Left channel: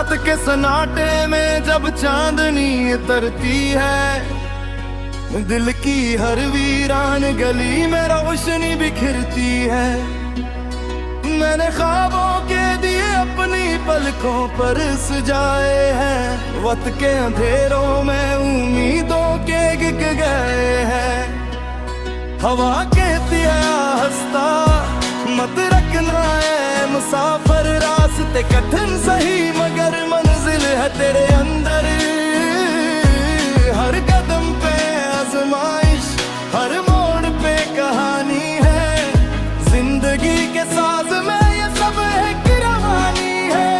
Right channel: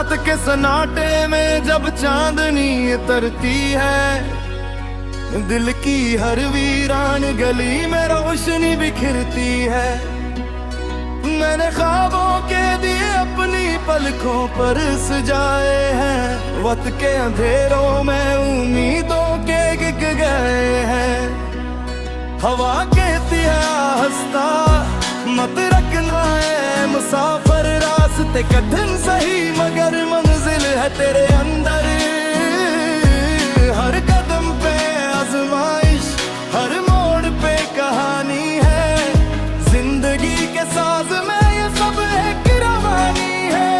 रात के सन्नाटे में जब चांदनी उतरती है, दिल की हर वीरान गली में रोशनी बिखरती है। मैंने ख्वाबों के दिए अपनी पलकों पर सजाए हैं, वक्त के अंधेरों में उम्मीदों के गिग गए हैं। हवा कहती है हंसता मत रखना है मुसाफिर, रास्ते कठिन सही मगर मंजिल है तेरे अंदर। हर कदम पे आजमाइश, हर मोड़ पे कहानी है, जिंदगी के साज में ये सब एक रवानी है।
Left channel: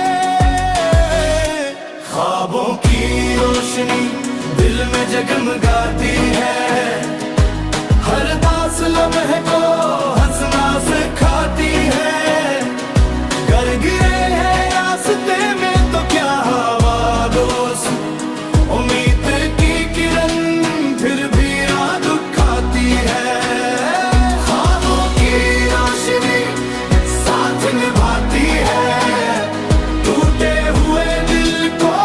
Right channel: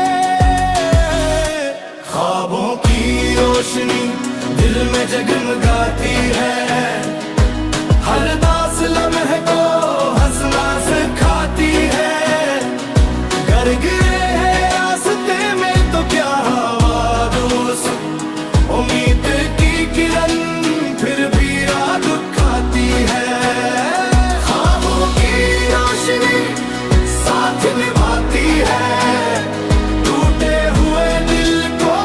ख्वाबों की रोशनी दिल में जगमगाती है, हर दास लम्हे को हंसना सिखाती है। गर गिरे हैं रास्ते में तो क्या हवा दोस्त, उम्मीद की किरण फिर भी राह दुखाती है। ख्वाबों की रोशनी साथ निभाती है, टूटे हुए दिल को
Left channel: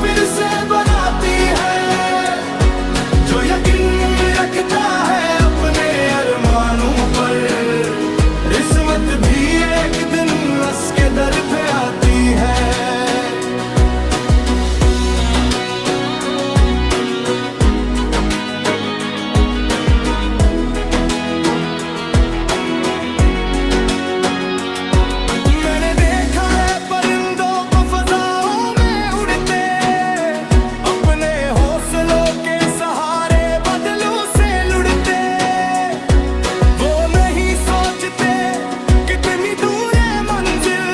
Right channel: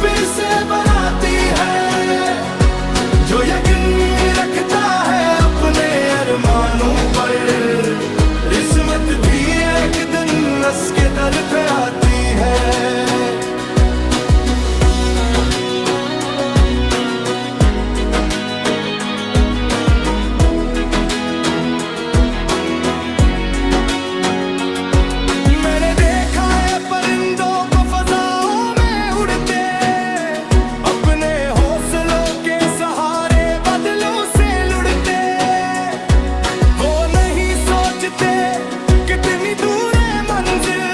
फिर से बनाती है। जो यकीन रखता है अपने अरमानों पर, किस्मत भी एक दिन हंस के दर पे आती है। मैंने देखा है परिंदों को फजाओं में उड़ते, अपने हौसलों के सहारे बदलों से लुढ़ते। वो नहीं सोचते कितनी दूर है मंजिल,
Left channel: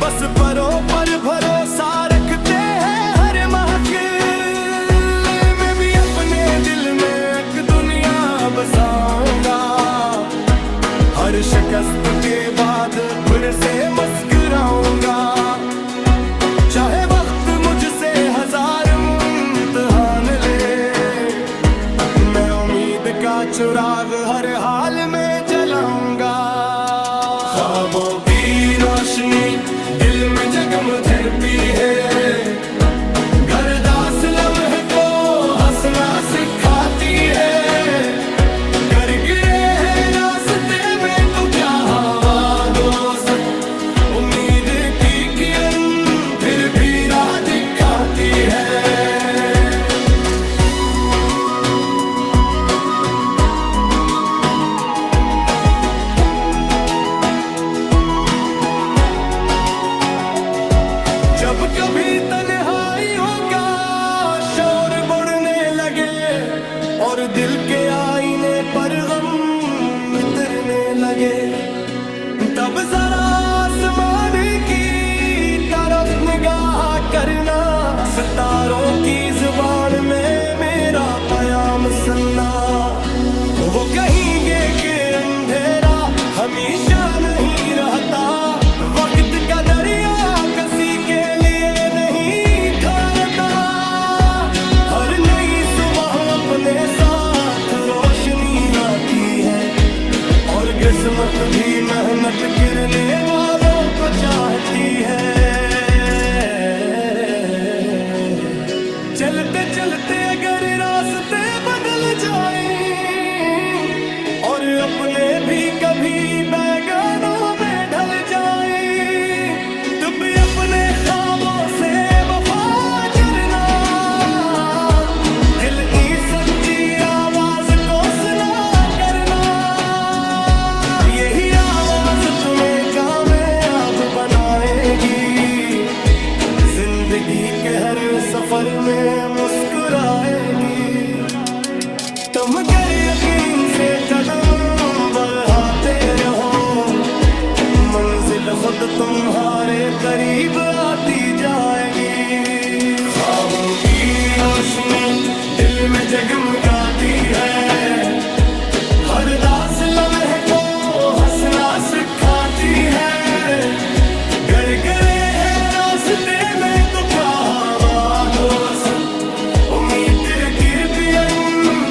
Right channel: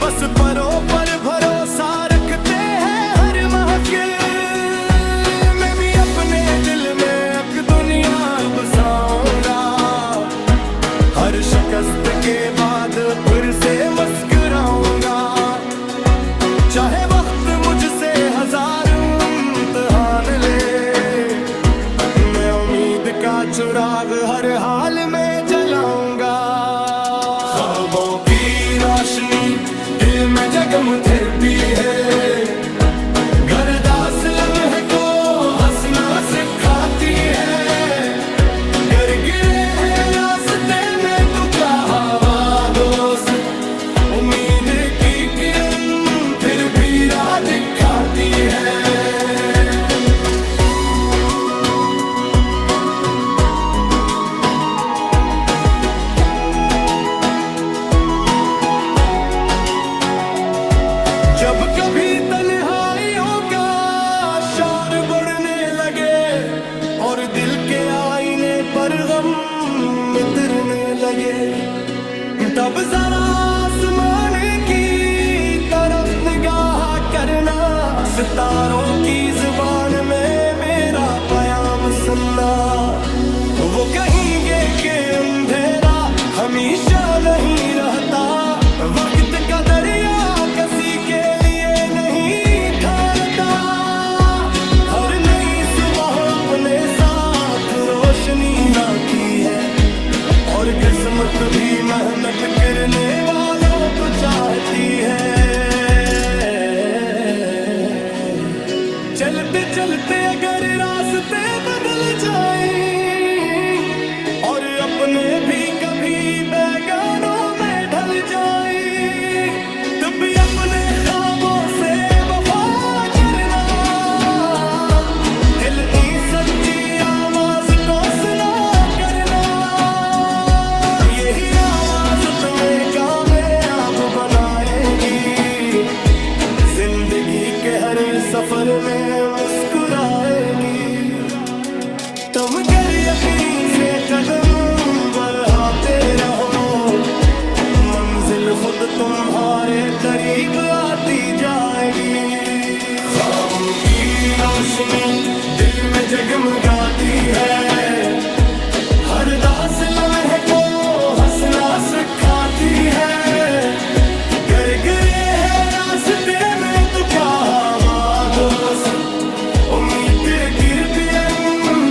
बस परों पर भरोसा रखते हैं हर महफिल। मैं भी अपने दिल में एक दुनिया बसाऊंगा, हर शिकस्त के बाद फिर से मुस्कुराऊंगा। चाहे वक्त मुझसे हजार इम्तिहान ले, मैं उम्मीद का चिराग हर हाल में जलाऊंगा। ख्वाबों की रोशनी दिल में जगमगाती है, गर्दास लम्हे को हंसना सिखाती है। गर गिरे हैं रास्ते में तो क्या हवा दोस्त, उम्मीद की किरण फिर भी राह दिखाती है। जब कभी तन्हाइयों का शोर बढ़ने लगे और दिल के आईने पर गम मिटने लगे, तब जरा आसमान की तरफ निगाह करना, सितारों की जुबान में मेरा पयाम सुनना। वो कहेंगे कि अंधेरा हमेशा नहीं रहता, वक्त का दरिया किसी के लिए नहीं ठहरता। हर नई सुबह अपने साथ रोशनी लाती है, और किस्मत भी मेहनत करने वालों को चाहती है। चलते चलते अगर रास्ते बदल जाए और अपने भी कभी बैगानों में ढल जाए, तब भी अपने ख्वाबों से वफा करना, दिल की सच्ची आवाज को सुना करना। यही आवाज तुम्हें कामयाब बनाएगी, जिंदगी के हर सफर में मुस्कुराएगी। तुम अगर यकीन से कदम बढ़ाते रहो, मंजिल खुद तुम्हारे करीब आती जाएगी। ख्वाबों की रोशनी दिल में जगमगाती है, हर दास लम्हे को हंसना सिखाती है। गर गिरे हैं रास्ते में तो क्या हवा दोस्त, उम्मीद की किरण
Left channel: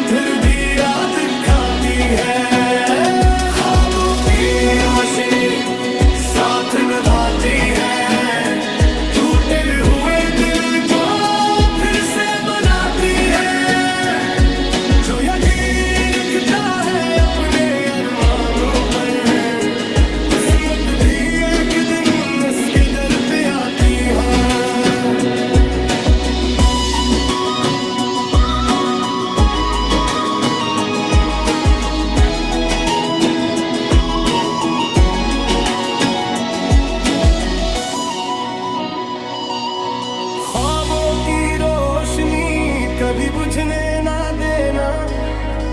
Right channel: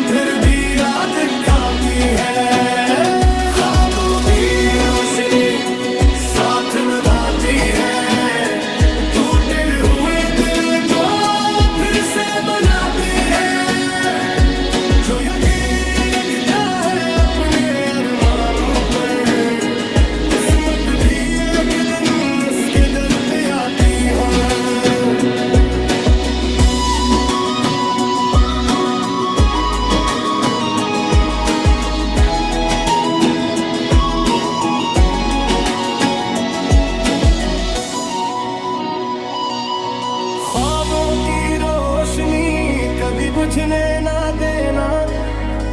फिर भी राह दिखाती है। ख्वाबों की रोशनी साथ निभाती है, तू कभी बुझने ना देना,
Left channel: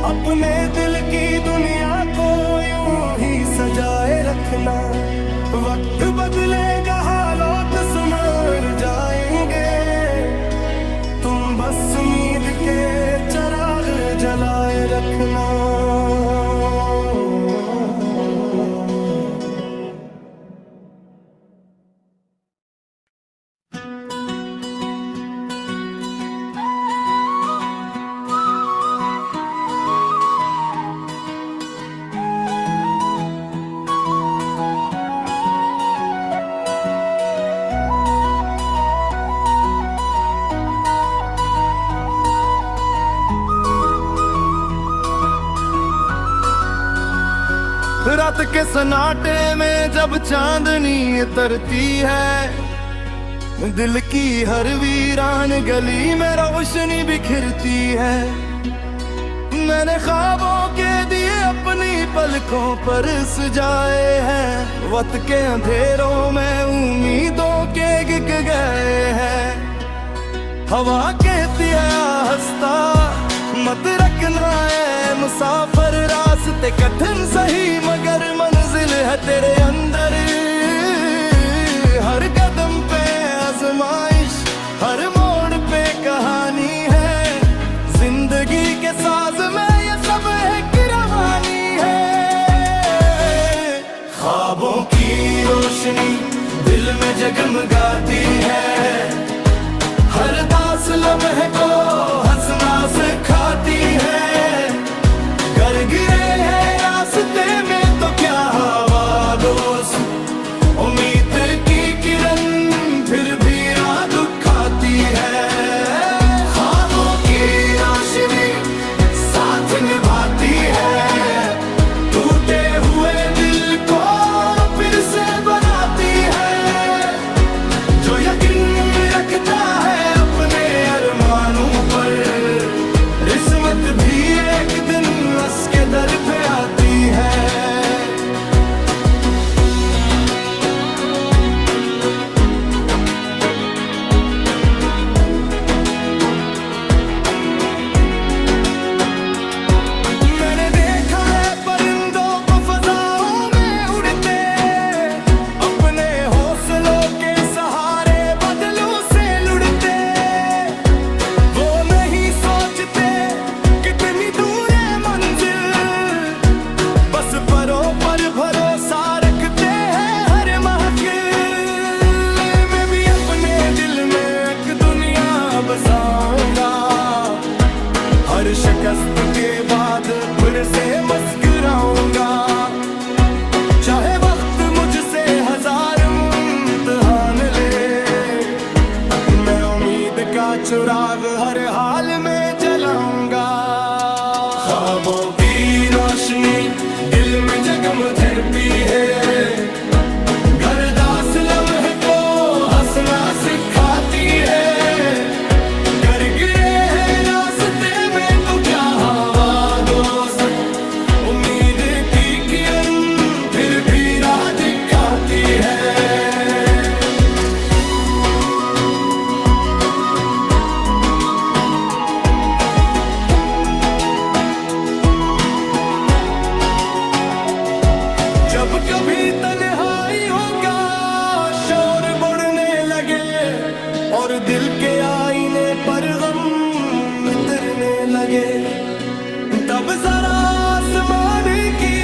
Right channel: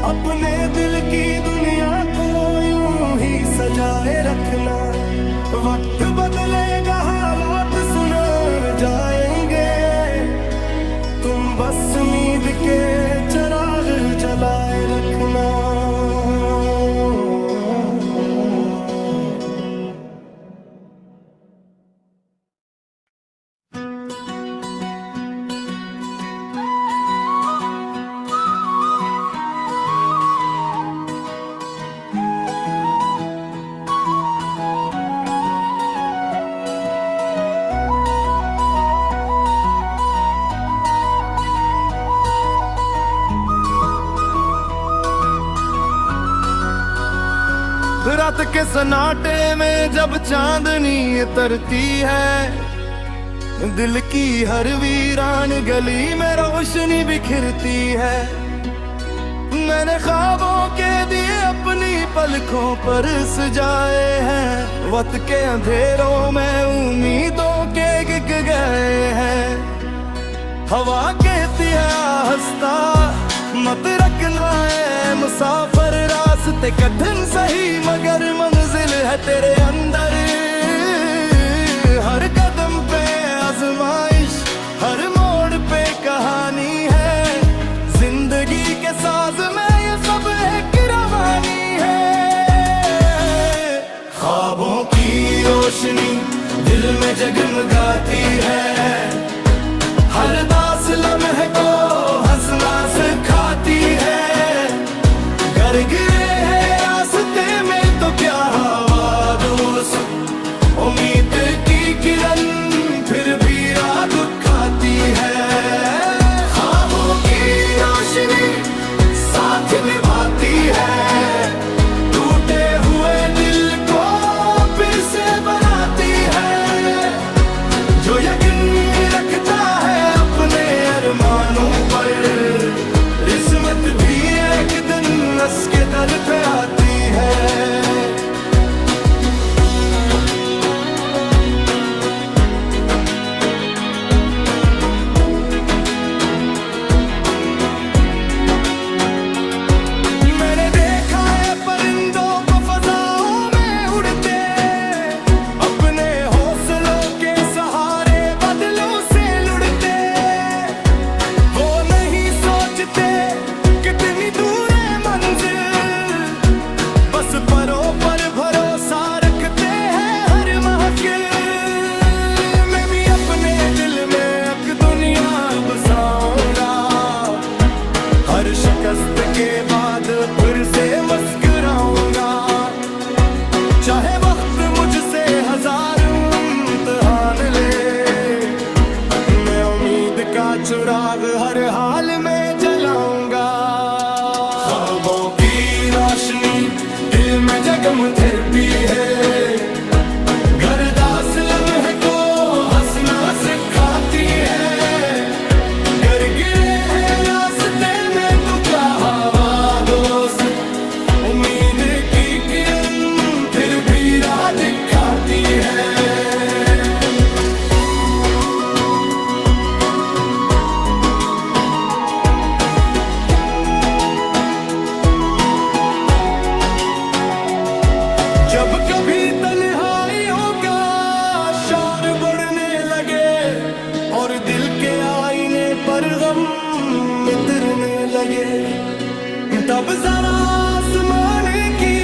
अपने दिल की दुनिया को यूं ही सजाए रखना। वक्त बदलेगा हालात सुधर जाएंगे, तुम बस उम्मीद के चिराग जलाए रखना। रात के सन्नाटे में जब चांदनी उतरती है, दिल की हर वीरान गली में रोशनी बिखरती है। मैंने ख्वाबों के दिए अपनी पलकों पर सजाए हैं, वक्त के अंधेरों में उम्मीदों के गिग गए हैं। हवा कहती है हंसता मत रखना है मुसाफिर, रास्ते कठिन सही मगर मंजिल है तेरे अंदर। हर कदम पे आजमाइश, हर मोड़ पे कहानी है, जिंदगी के साज में ये सब एक रवानी है। ख्वाबों की रोशनी दिल में जगमगाती है, हर दास लम्हे को हंसना सिखाती है। गर गिरे हैं रास्ते में तो क्या हवा दोस्त, उम्मीद की किरण फिर भी राह दिखाती है। ख्वाबों की रोशनी साथ निभाती है, टूटे हुए दिल को फिर से बनाती है। जो यकीन रखता है अपने अरमानों पर, किस्मत भी एक दिन उसके दर पे आती है। मैंने देखा है परिंदों को फजाओं में उड़ते, अपने हौसलों के सहारे बदलों से लुढ़ते। वो नहीं सोचते कितनी दूर है मंजिल, बस परों पर भरोसा रखते हैं हर महफिल में। भी अपने दिल में एक दुनिया बसाऊंगा, हर शिकस्त के बाद फिर से मुस्कुराऊंगा। चाहे वक्त मुझसे हजार इम्तिहान ले, मैं उम्मीद का चिराग हर हाल में जलाऊंगा। ख्वाबों की रोशनी दिल में जगमगाती है, गरदास लम्हे को हंसना सिखाती है। गर गिरे हैं रास्ते में तो क्या हवा दोस्त, उम्मीद की किरण फिर भी राह दिखाती है। जब कभी तन्हाइयों का शोर बढ़ने लगे और दिल के आईने पर गम मिटने लगे, तब जरा आसमान की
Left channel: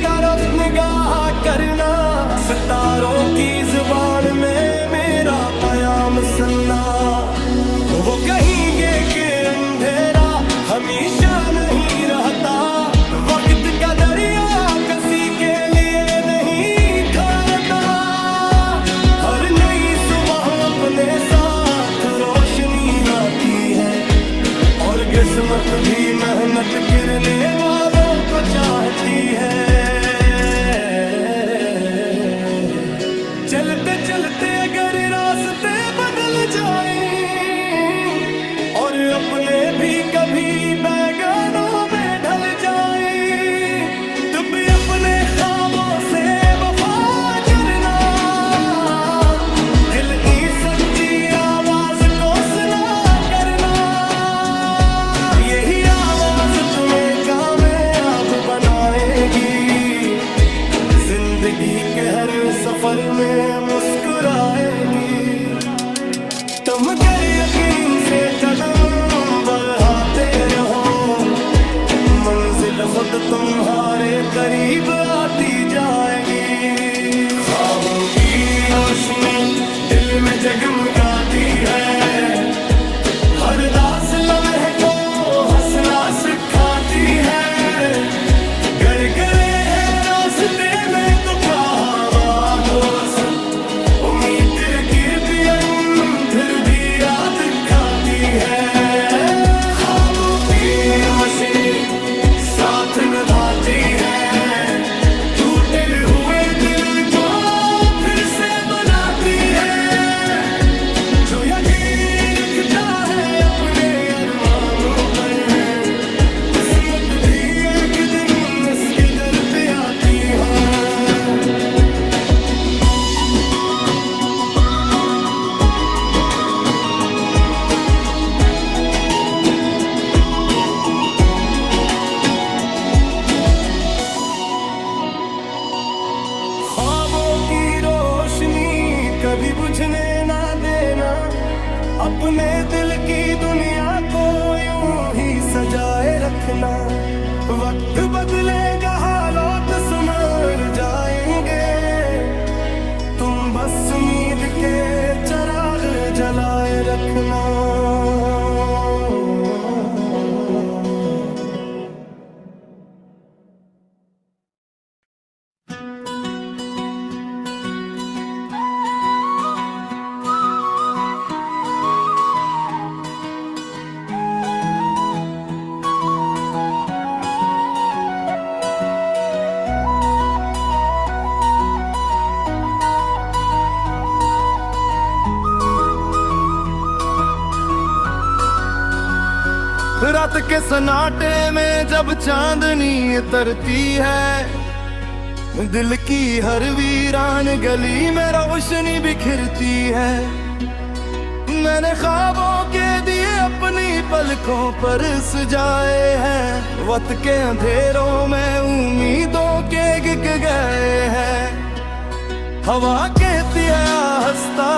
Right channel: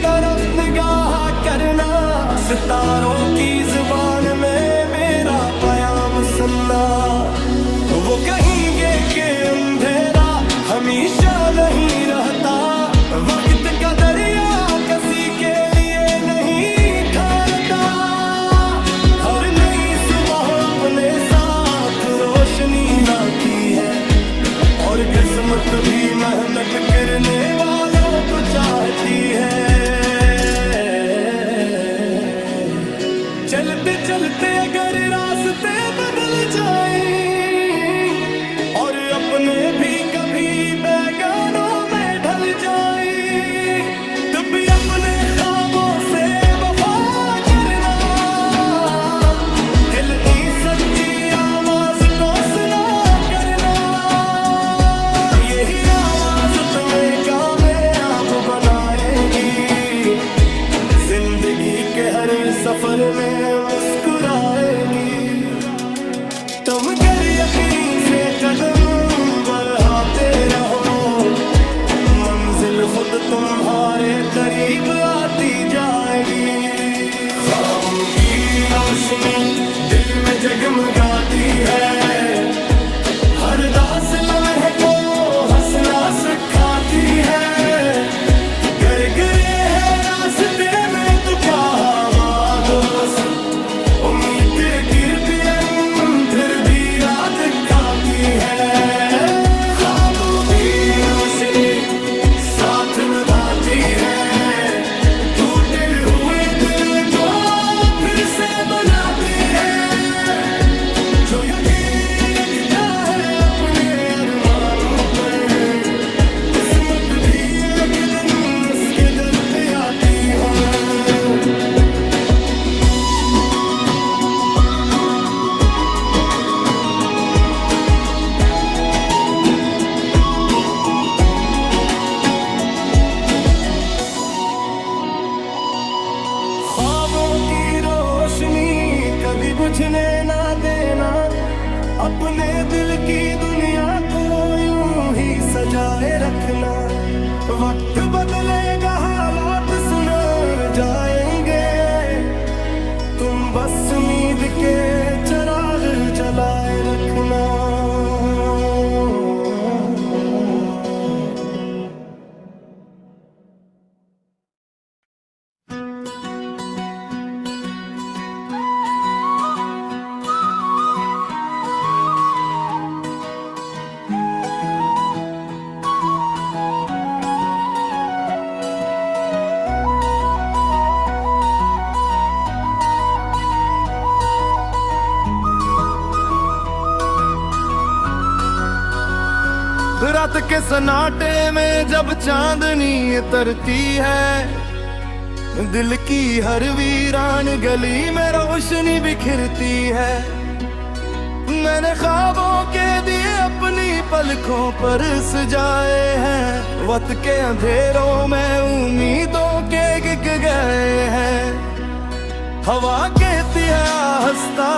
तरफ निगाह करना, सितारों की जुबान में मेरा पैगाम सुनना। वो कहेंगे कि अंधेरा हमेशा नहीं रहता, वक्त का दरिया किसी के लिए नहीं ठहरता। हर नई सुबह अपने साथ रोशनी लाती है, और किस्मत भी मेहनत करने वालों को चाहती है। चलते चलते अगर रास्ते बदल जाए और अपने भी कभी बैगानों में ढल जाए, तब भी अपने ख्वाबों से वफा करना, दिल की सच्ची आवाज को सुना करना। बनाएगी, जिंदगी के हर सफर में मुस्कुराएगी। तुम गर यकीन से कदम बढ़ाते रहो, मंजिल खुद तुम्हारे करीब आती जाएगी। ख्वाबों की रोशनी दिल में जगमगाती है, हर दास लम्हे को हंसना सिखाती है। गर गिरे हैं रास्ते में तो क्या हवा दोस्त, उम्मीद की पियन फिर भी रात खाती है। ख्वाबों की रोशनी साथ निभाती है, टूटे हुए दिल को फिर से बनाती है। जो यकीन रखता है अपने अरमानों पर, किस्मत भी एक दिन इसके दर पे आती है। ख्वाबों की रोशनी कभी बुझने ना देना, अपने दिल की दुनिया को यूं ही सजाए रखना। वक्त बदलेगा हालात सुधर जाएंगे, तुम बस उम्मीद के चिराग जलाए रखना। रात के सन्नाटे में जब चांदनी उतरती है, दिल की हर वीरान गली में रोशनी बिखरती है। मैंने ख्वाबों के दिए अपनी पलकों पर सजाए हैं, वक्त के अंधेरों में उम्मीदों के गिग गए हैं। हवा कहती है हंसता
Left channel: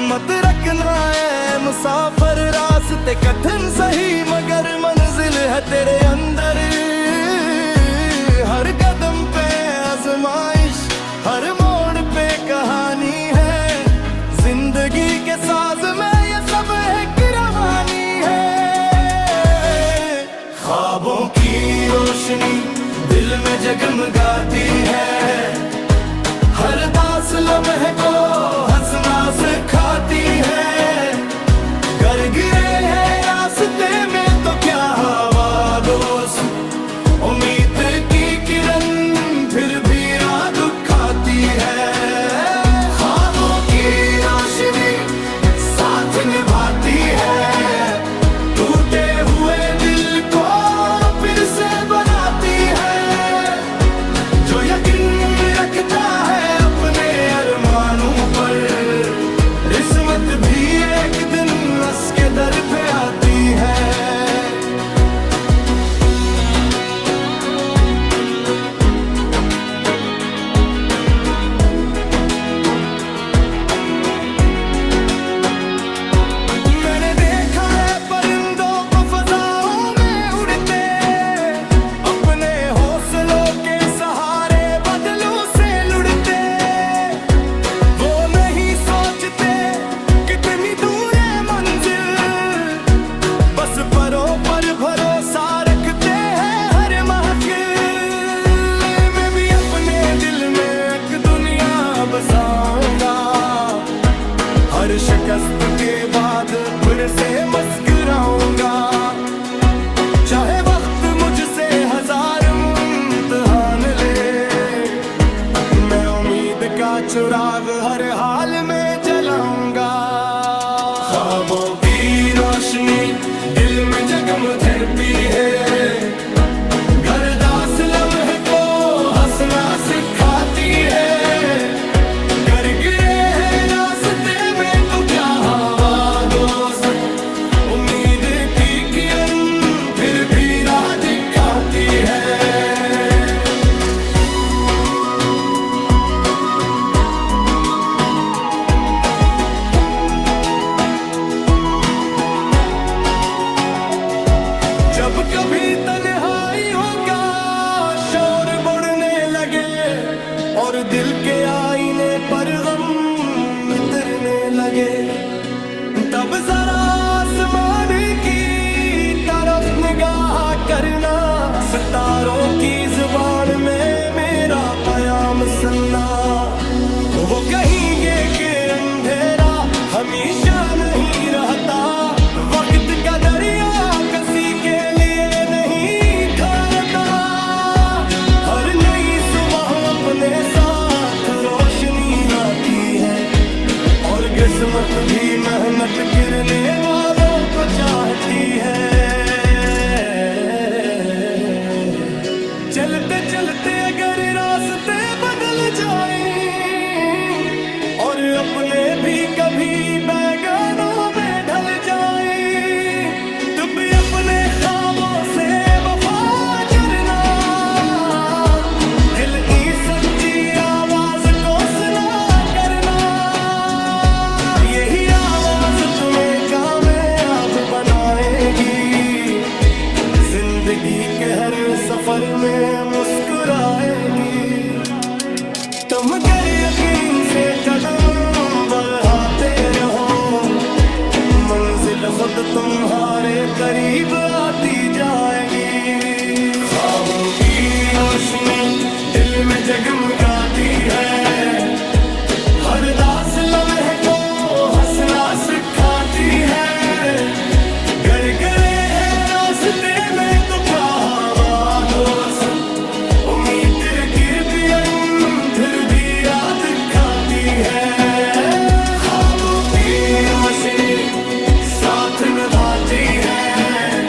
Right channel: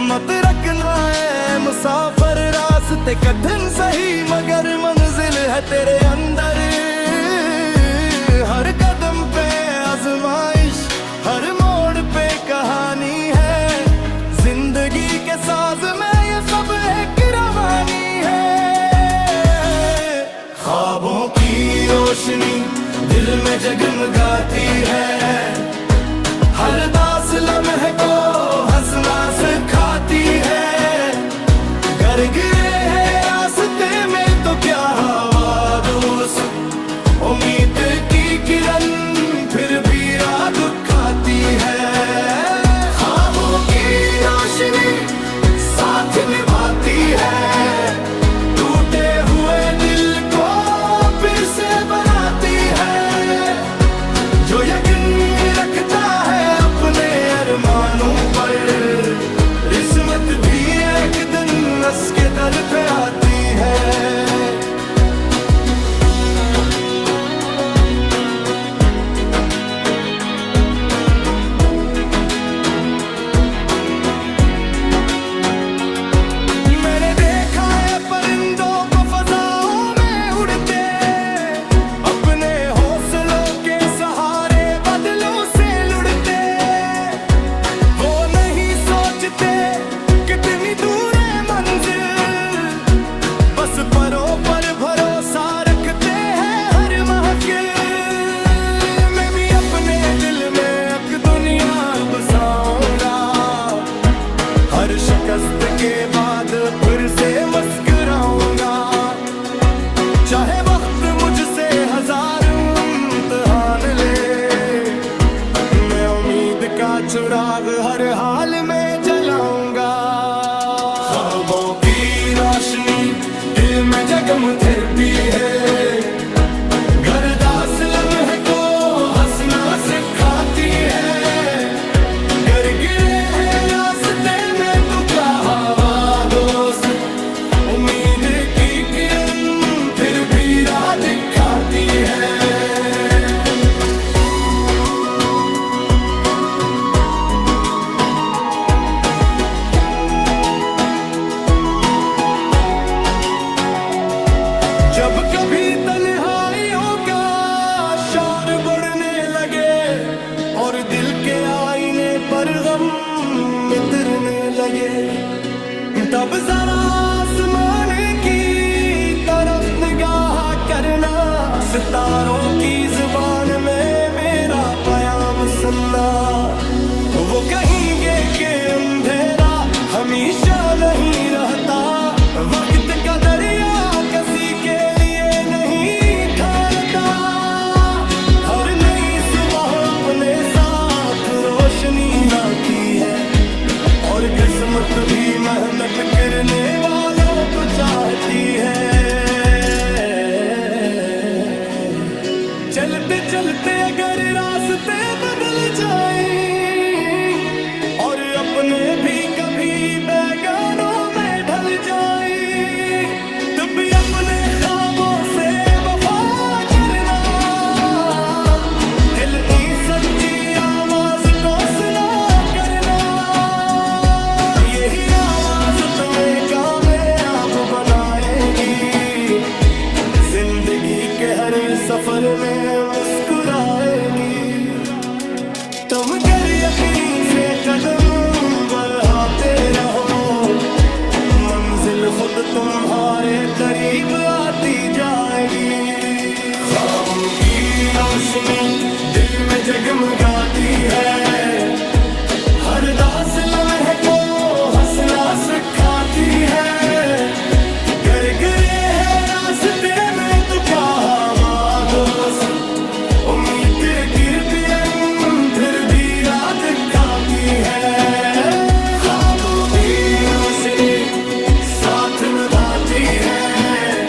मत रखना है मुसाफिर, रास्ते कठिन सही मगर मंजिल है तेरे अंदर। हर कदम पे आजमाइश, हर मोड़ पे कहानी है, जिंदगी के साज में ये सब एक रवानी है। ख्वाबों की रोशनी दिल में जगमगाती है, हर दास लम्हे को हंसना सिखाती है। गर गिरे हैं रास्ते में तो क्या हवा दोस्त, उम्मीद की किरण फिर भी रात खाती है। ख्वाबों की रोशनी साथ निभाती है, टूटे हुए दिल को फिर से बनाती है। जो यकीन रखता है अपने अरमानों पर, किस्मत भी एक दिन उसके दर पे आती है। मैंने देखा है परिंदों को फजाओं में उड़ते, अपने हौसलों के सहारे बदलों से लुढ़ते। वो नहीं सोचते कितनी दूर है मंजिल, बस परों पर भरोसा रखते हैं। हर महफिल में भी अपने दिल में एक दुनिया बसाऊंगा, हर शिकस्त के बाद फिर से मुस्कुराऊंगा। चाहे वक्त मुझसे हजार इम्तिहान ले, मैं उम्मीद का चिराग हर हाल में जलाऊंगा। ख्वाबों की रोशनी दिल में जगमगाती है, गरदास लम्हे को हंसना सिखाती है। गर गिरे हैं रास्ते में तो क्या हवा दोस्त, उम्मीद की किरण फिर भी राह दिखाती है। जब कभी तन्हाइयों का शोर बढ़ने लगे और दिल के आईने पर गम मिटने लगे, तब जरा आसमान की तरफ निगाह करना, सितारों की जुबान में मेरा पयाम सुनना। वो कहेंगे कि अंधेरा हमेशा नहीं रहता, वक्त का दरिया किसी के लिए नहीं ठहरता। हर नई सुबह अपने साथ रोशनी लाती है और किस्मत भी मेहनत करने वालों को चाहती है। चलते चलते अगर रास्ते बदल जाए और अपने भी कभी बैगानों में ढल जाए, तब भी अपने ख्वाबों से वफा करना, दिल की सच्ची आवाज को सुना करना। यही आवाज तुम्हें कामयाब बनाएगी, जिंदगी के हर सफर में मुस्कुराएगी। तुम अगर यकीन से कदम बढ़ाते रहो, मंजिल खुद तुम्हारे करीब आती जाएगी। ख्वाबों की रोशनी दिल में जगमगाती है, हर दास लम्हे को हंसना सिखाती है। गर गिरे हैं रास्ते में तो क्या हवा दोस्त, उम्मीद की पियन फिर भी राह दिखाती है। ख्वाबों की रोशनी साथ निभाती है,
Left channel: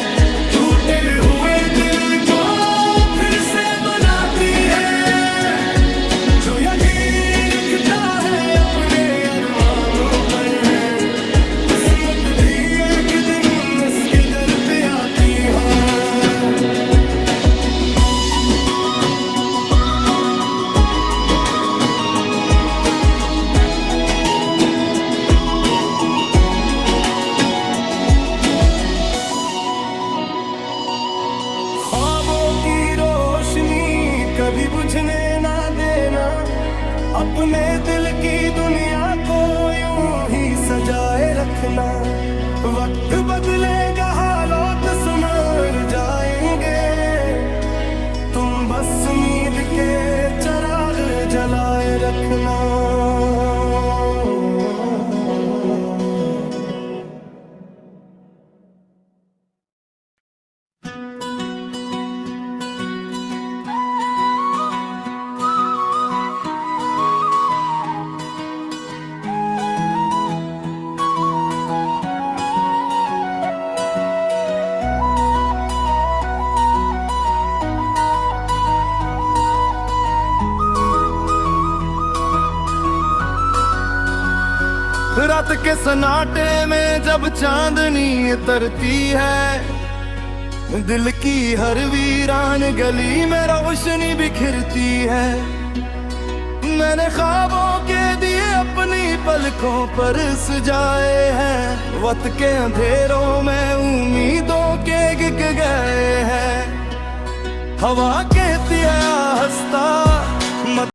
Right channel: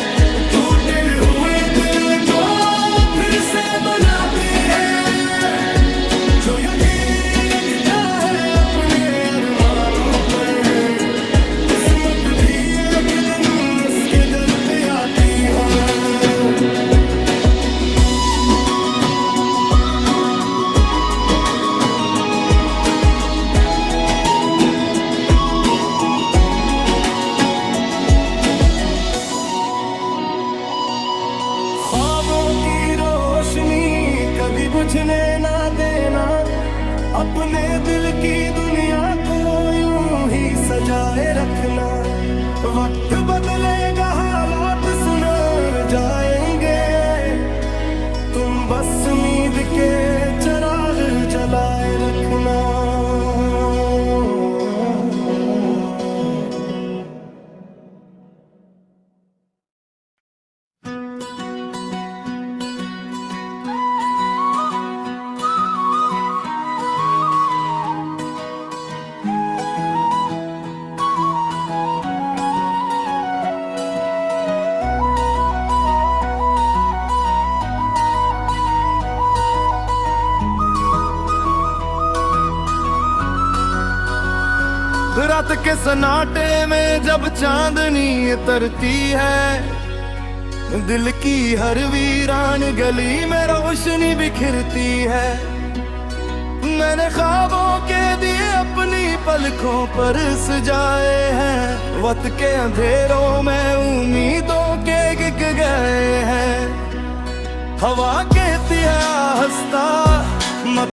टूटे हुए दिल को फिर से बनाती है। जो यकीन रखता है अपने अरमानों पर, किस्मत भी एक दिन इसके दर पे आती है। ख्वाबों की रोशनी कभी बुझने ना देना, अपने दिल की दुनिया को यूं ही सजाए रखना। वक्त बदलेगा हालात सुधर जाएंगे, तुम बस उम्मीद के चिराग जलाए रखना। रात के सन्नाटे में जब चांदनी उतरती है, दिल की हर वीरान गली में रोशनी बिखरती है। मैंने ख्वाबों के दिए अपनी पलकों पर सजाए हैं, वक्त के अंधेरों में उम्मीदों के गिग गए हैं। हवा कहती है